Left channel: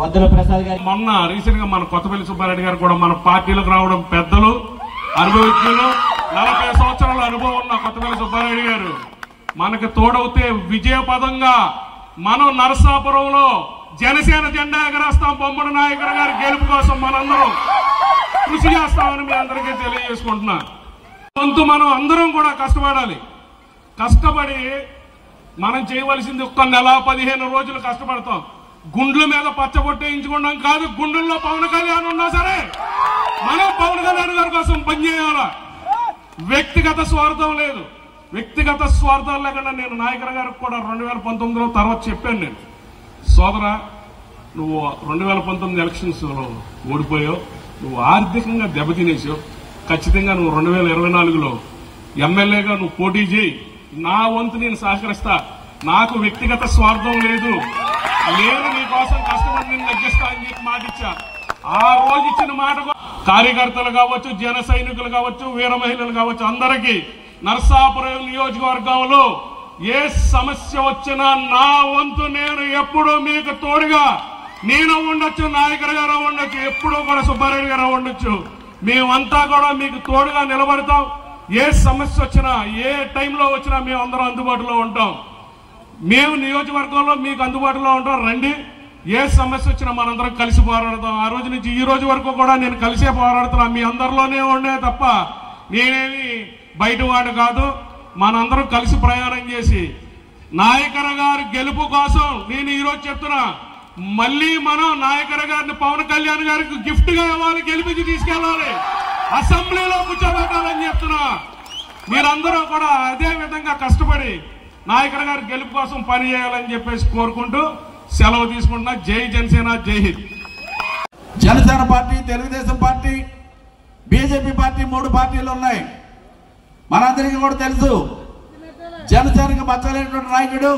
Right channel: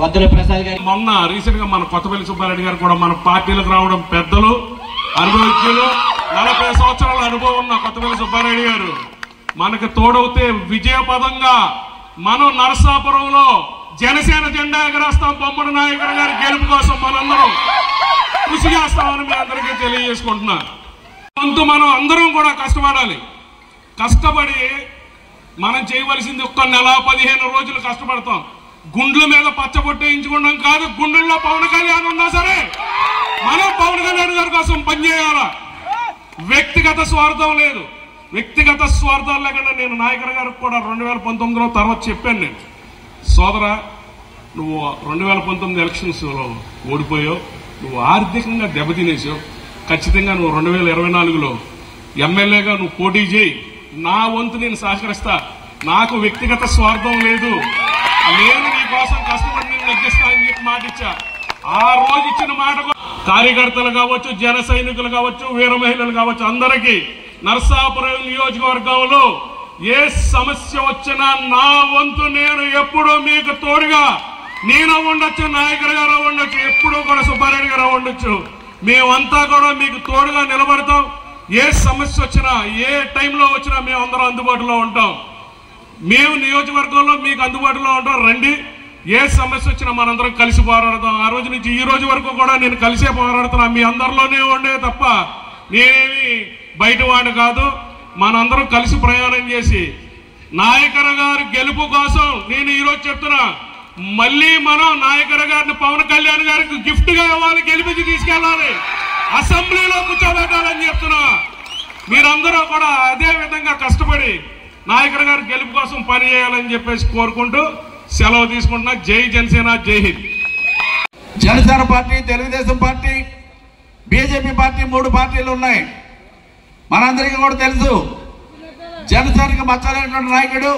వద్దల ప్రసాద్ గారు మొన్న రీసెంట్ గా మన కొత్తపల్లి సుబ్బారెడ్డి గారు కూడా మన పార్టీలకు రావడం పెద్దలు అనుభవించి 40 సంవత్సరాల అనుభవం ఉన్న కొత్తపల్లి సుబ్బారెడ్డి గారు మనకు తోడవుతే విజయపదంగా మనం నరసాపురంలో జనసేన జెండా ఎగరేస్తాం. బొమ్మడి నాయకుడు గారి గెలుపు కోసం మనందరం కృషి చేస్తామని మీ అందరికీ తెలియజేసుకుంటున్నా. ముందు మనం అందరం కూడా కష్టపడాలి. కష్టపడి మనం చేయవలసింది ఒక్క నెల 15 రోజులు కష్టపడతాం. గుండ్ల మీద పచ్చబొట్టేయించుకోవడం కాదు. గుండెల్లో పవన్ కళ్యాణ్ ఉన్నా సరే మనం పవన్ కళ్యాణ్ గారి కోసం పనిచేయాలా. వ్యక్తిగత స్వార్థం లేదు. వ్యక్తిగత స్వార్థాలు లేకుండా నేను నాయకుడు గారికి కూడా 2019లో తర్వాత చెప్పాను. నేను సోదరా, నువ్వు 2019 ఎలక్షన్స్ ఓడిపోయావు, నువ్వు ఆర్థికంగా దెబ్బతినేసావు. ఖచ్చితంగా నువ్వు 2024లో ఎమ్మెల్యేగా నువ్వు పోటీ చేయి. నా వంతు నేను సహకరిస్తా. నాకు వ్యక్తిగత స్వార్థం లేదు. నేను నీ కోసం కష్టపడి నేను తగ్గిస్తా అని చెప్పి మాట ఇచ్చా. ఆ రోజు ఇచ్చిన మాట కార్యకర్తలు కావచ్చు, జన సైనికులు కావచ్చు, వీర మహిళలు కావచ్చు, అందరికీ నరసాపురం నియోజకవర్గంలో ఏ సమస్య వచ్చినా నా వంతు నేను ఎప్పుడూ మీకు తోడుగా నేను ఉండొచ్చు, నాయకుడు గారు ఉండొచ్చు, ఎప్పుడూ కూడా సుబ్బారెడ్డి గారు ఉండొచ్చు. మేమంతా కూడా మీకు తోడుగా నిలబడతాం. ఏ సమస్య వచ్చినా ఏ టైంలో వచ్చినా మేము అందరం అందుబాటులో ఉంటాం. మేము నియోజకవర్గంలో మీకు అందుబాటులో ఉంటాం. రండి, ఏ సమస్య వచ్చినా మనందరం కలిసి పోరాడతాం. ఆ రోజు నుంచి ఈ రోజు వరకు కూడా నేను కలిసే పోరాడుతున్నా. మీ అందరిలోనే ఉండే తప్ప నేనేమి బయటవాడు కాదు. మనందరం కలిసి ప్రయాణం చేసి నాయకుడు గారి గెలుపు కోసం నేను ఈరోజు చెప్తున్నా, మళ్ళీ మనం నాయకుడు గారిని పవన్ కళ్యాణ్ గారికి గిఫ్ట్ గా ఇవ్వాలి, గెలిపించి తీసుకెళ్లాలి, అసెంబ్లీలో కూర్చోబెట్టాలని చెప్తున్నా. మీరందరూ కూడా అదే విధంగా కష్టపడి నాయకుడు గారి గెలుపు కోసం పనిచేయాలని చెప్పేసి కోరుకుంటూ సెలవు తీసుకుంటున్నా. జై జనసేన, జై Hind. Janasena party, Telugu Desam party, BJP party 3 పార్టీలు ఉన్నాయి. మనందరికీ కూడా తెలుసు. జనసేనకి మచ్చలేనటువంటి నాయకుడు,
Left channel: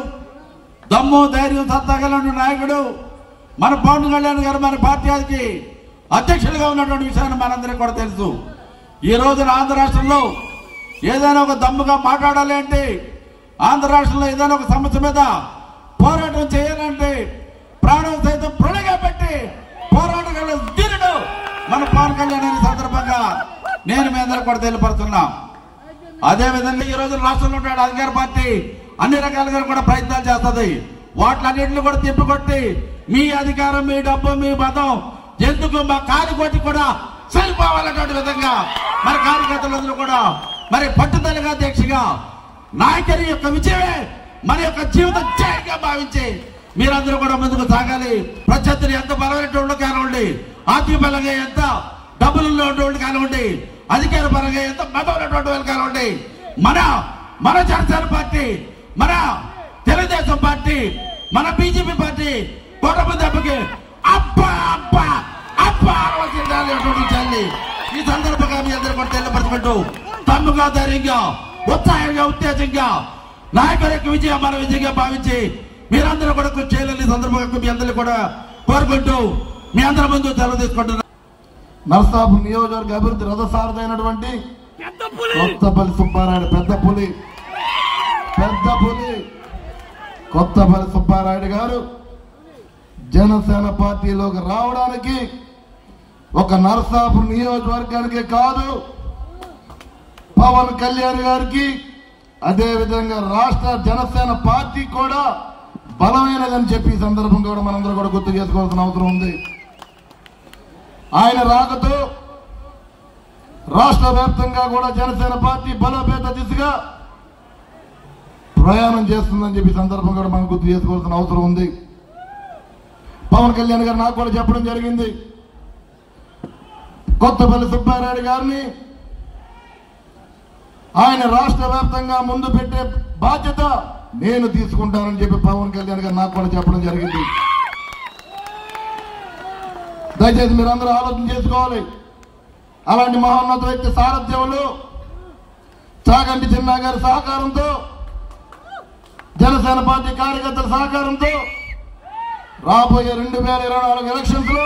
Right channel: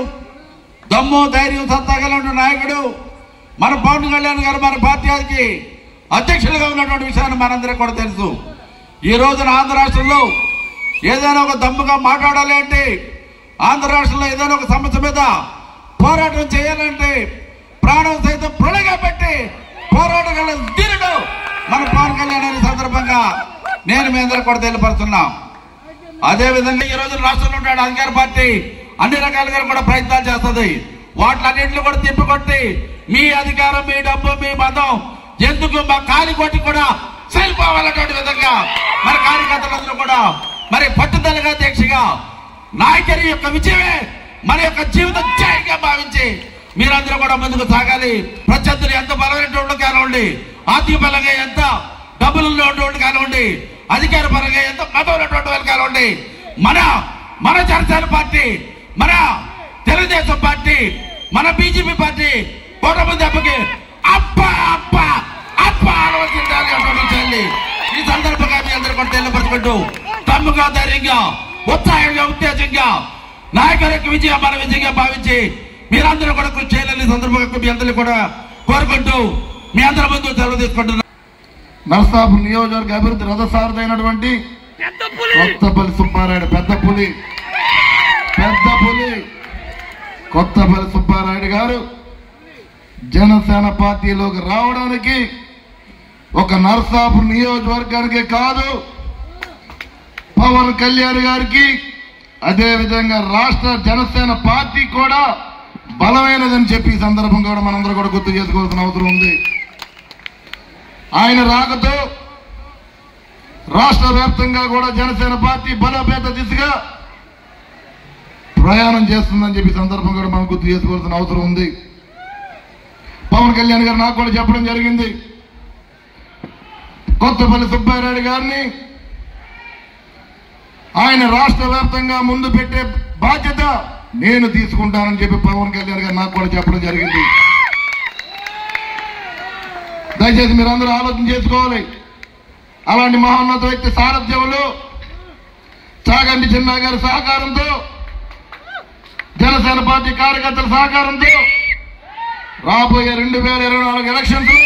దమ్ము ధైర్యం సత్తా కలిగిన నాయకుడు మన పవన్ కళ్యాణ్ గారు మన పార్టీకి అధ్యక్షులుగా ఉన్నటువంటి విషయాన్ని మనందరికీ కూడా తెలుసు. ఈ రోజున ఆంధ్ర రాష్ట్రంలో ఏదైనా ఒక దమ్ముగా మాట్లాడాలి అంటే, ఆంధ్ర రాష్ట్రంలో ఏదైనా ఒక సమస్య మీద పోరాటం చేయాలంటే ప్రాణం సైతం ప్రళగా పెట్టి పోరాటగల ధీరుడు మన పవన్ కళ్యాణ్ అనే సందర్భంగా నేను మీ అందరూ కూడా తెలియపరుస్తున్నా. అదేవిధంగా ఈ రోజు రాష్ట్రంలో ఉండే అధికార పార్టీ అన్ని రకాలుగా కూడా ప్రయత్నాలు చేస్తుంది. వాటిలన్నింటినీ కూడా తిప్పికొట్టి మీ అధికారం, మీ డబ్బు, మీ మతం ఎందుకు మా కాలికొట్టి కూడా చెల్లిపోవాలన్నటువంటి విధంగా మరి కార్యకర్తలందరూ కూడా మరి పట్టుదలగా దీక్షగా నాయకుడి యొక్క విజయమే మన యొక్క జీవిత ధ్యేయంగా భావించి మీరందరూ కూడా ముందుకు సాగాలి. ప్రత్యర్థులు ఎంత బలమైనటువంటి కానివ్వండి, ఆర్థిక బలంగా ఎంత డబ్బులలో ఉన్నటువంటి కానివ్వండి, అధికార పరంగా ఎంత మతం ఉన్నటువంటి వాళ్ళు కానివ్వండి, మన జనసేన పార్టీ, మన తెలుగుదేశం పార్టీ, మన బీజేపీ పార్టీ కూటమి దెబ్బకి ఆలోచించాలి. ఈ సందర్భంగా మీ అందరూ కూడా తెలియపరచుకుంటూ దమ్ముగా, ధైర్యంగా, ఉత్సాహంగా, ఉత్తేజంగా నాయకులకు విజయం మన విజయంగా భావించి మీరందరూ కూడా కృషి చేయాలని సందర్భంగా మీ అందరినీ కూడా కోరుకుంటూ మీ అందరి ముందు సెలవు తీసుకుంటున్నారు. నరసాపురం నియోజకవర్గ అభివృద్ధి రథసారథైనటువంటి కొత్తపల్లి సుబ్బారాయుడు, పెద్ద పులి కొత్తపల్లి సుబ్బారాయుడు గారు జనసేన పార్టీలోకి రావడానికి ఒక నరసాపురం నియోజకవర్గానికి కాదు, పవన్ కళ్యాణ్ గారికి అదేవిధంగా రాష్ట్ర జనసేన పార్టీ కూడా బలమైనదని చెప్పి ఈ సందర్భంగా కూడా మనందరూ కూడా గుర్తు చేసుకోవాల్సిన అవసరం ఉంది. ఆయన రాకతో రాష్ట్ర వ్యాప్తంగా కూడా జనసేన పార్టీ బలోపేత దిశగా ప్రయాణం చేస్తుందని చెప్పి సందర్భంగా కూడా మనం గుర్తు చేసుకోవాల్సిన అవసరం ఉంది. పవన్ కళ్యాణ్ గారు నాకు కూడా చెప్పడం జరిగింది, కొత్తపల్లి సుబ్బారాయుడు గారిని ఆయన రాష్ట్ర వ్యాప్తంగా ముందు పెట్టే బాధ్యత నేను తీసుకుంటానని చెప్పి పవన్ కళ్యాణ్ గారు నాకు కూడా చెప్పడం జరిగింది. దయచేసి మీరందరూ ఆలోచన చేసుకోవాలి. అలాంటి మహోన్నత వ్యక్తి సారథ్యంలో చాగంటి చిన్నా గారి సహకారంతో, జనసేన పార్టీ కార్యకర్తల సహకారంతో రాబోయే 2024 ఎలక్షన్స్ లో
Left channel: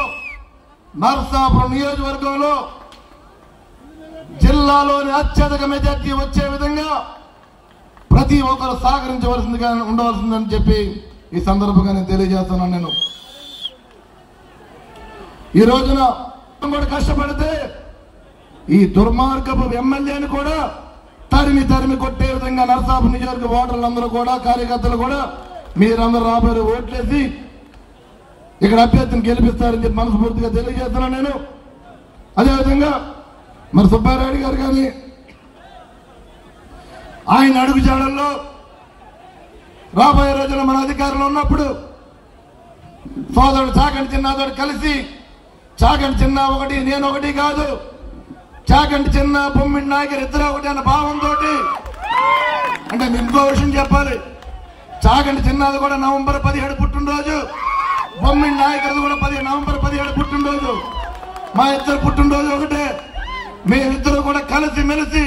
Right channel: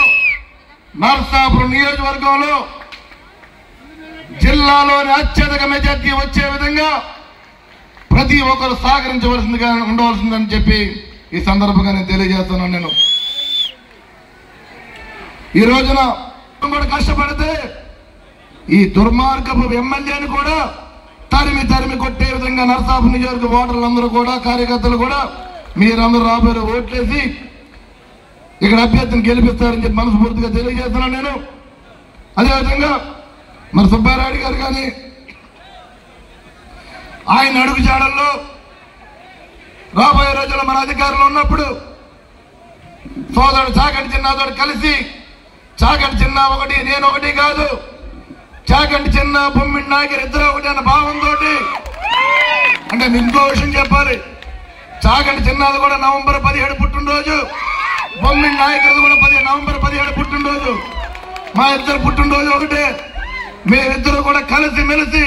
నరసాపురం నియోజకవర్గంలో జిల్లాలోని అత్యధిక మెజార్టీ వచ్చే విధంగా ప్రతి ఒక్కరు సహకరించవలసిందిగా ఉండవలసిందని చెప్పి ఈ సందర్భంగా నేను తెలియజేస్తున్నాను. నేను ఈ రోజున కూడా కష్టపడితే ఈ దుర్మార్గపు ఎమ్మెల్యేని కూడా తరిమి కొట్టే విధంగా నరసాపు నియోజకవర్గ ఓటర్లందరూ కూడా కార్యకర్తలు కూడా మీరందరూ రాబోయే ఓట్లేసి ఇక్కడ అభ్యర్థిని గెలిపిస్తారని చెప్పి మనస్ఫూర్తిగా తెలియజేస్తున్నాను నేను. అదేవిధంగా మరి సుబ్బారెడ్డి గారు కానీ ఆయన అడుగుజాడల్లో రాబోయే రోజుల్లో మన అధికారంలో ఉన్నప్పుడు సోదరుడు చాగంటి చిన్నతో కలిసి చాగంటి చిన్న ఒకటి నేను ఒకటి కాదు, చాగంటి చిన్న బొమ్మిడి నాయకులు ఇద్దరు ఒకటి అన్న భావంతో, అంటే మీకు ఇంకో విషయం చెప్పాలి, చాగంటి చిన్నది కూడా నవంబర్ 17 పుట్టినరోజు, బొమ్మిడి నాయకులు కూడా నవంబర్ 17 పుట్టినరోజు. మా ఇద్దరు పుట్టినరోజు ఒకటే. మీరిద్దరు కూడా కలిసి మెలిసి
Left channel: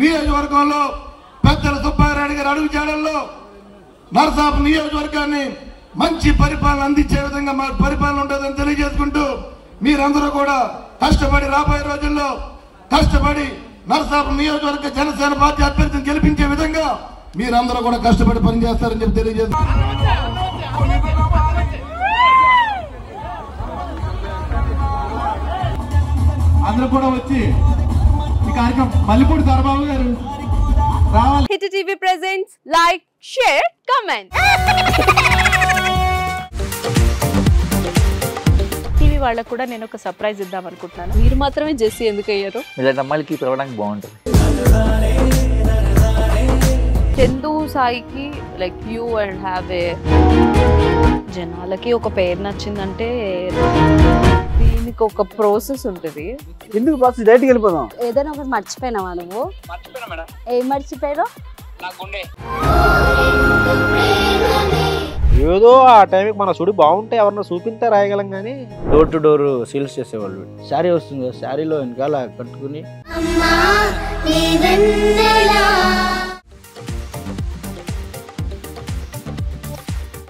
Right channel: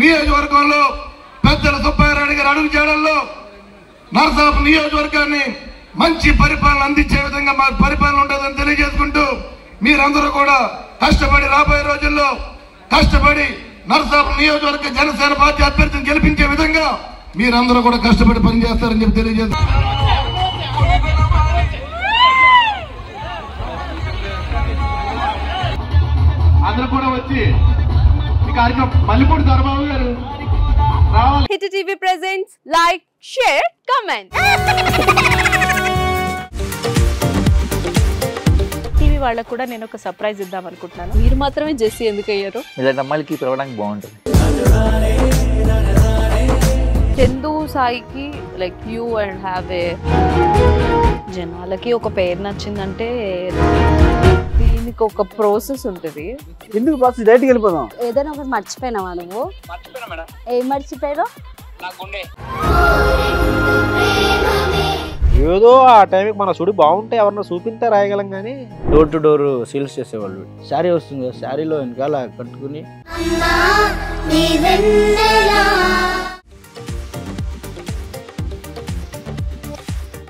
నియోజకవర్గంలో పెద్దల సుబ్బారెడ్డి గారు అడుగు చేయడంలో నరసాపు నియోజకవర్గాన్ని మంచి పరిపాలన అందించే విధంగా మా పరిపాలన ఉంటుందని తెలియజేసుకుంటూ మీరందరూ కూడా కష్టపడి రాబోయే రోజుల్లో కష్టపడి నరసాపు నియోజకవర్గ జనసేన పార్టీ అభ్యర్థిని గెలిపించే విధంగా మీరందరూ కూడా కష్టపడి పనిచేస్తారని చెప్పి తెలియజేస్తారు. అందరూ కూడా వచ్చి ఈ కార్యక్రమం మల్లిపూడి దొరబాబు గారు రావాలి. Hit TV presents like, share, comment. TV వాళ్ళకు కూడా నేను ఒక సర్ప్రైజ్ ఇద్దాం అనుకుంటున్నాను. మీరు మాత్రమే జెస్సీ ఎందుకు అయ్యారు? ఇలాంటి అమ్మాయిలకి పిలవడానికి బాగుంటుంది. చందు సాయికి like you and have a జనాలకి ఒక పేరు నచ్చిందంటే దీనికి ఒక ప్రాసెస్ ఉంటుంది. ఎందుకు ప్రాసెస్ డైరెక్ట్ వెళ్ళిపోదాం. ఏదైనా ఒకటి మర్చిపోయినావా నువ్వు? ఏం మర్చిపోయావు? ఏదో ఆ టైంకి మన సుడి బాగుంటే ఎవరన్నా చూపిస్తే రాయగలం కానీ డోర్ టు డోర్ సేల్స్ చేసేవాళ్ళు. శారీ వస్తుంది, శారీలో వెనకాల కట్టుకుని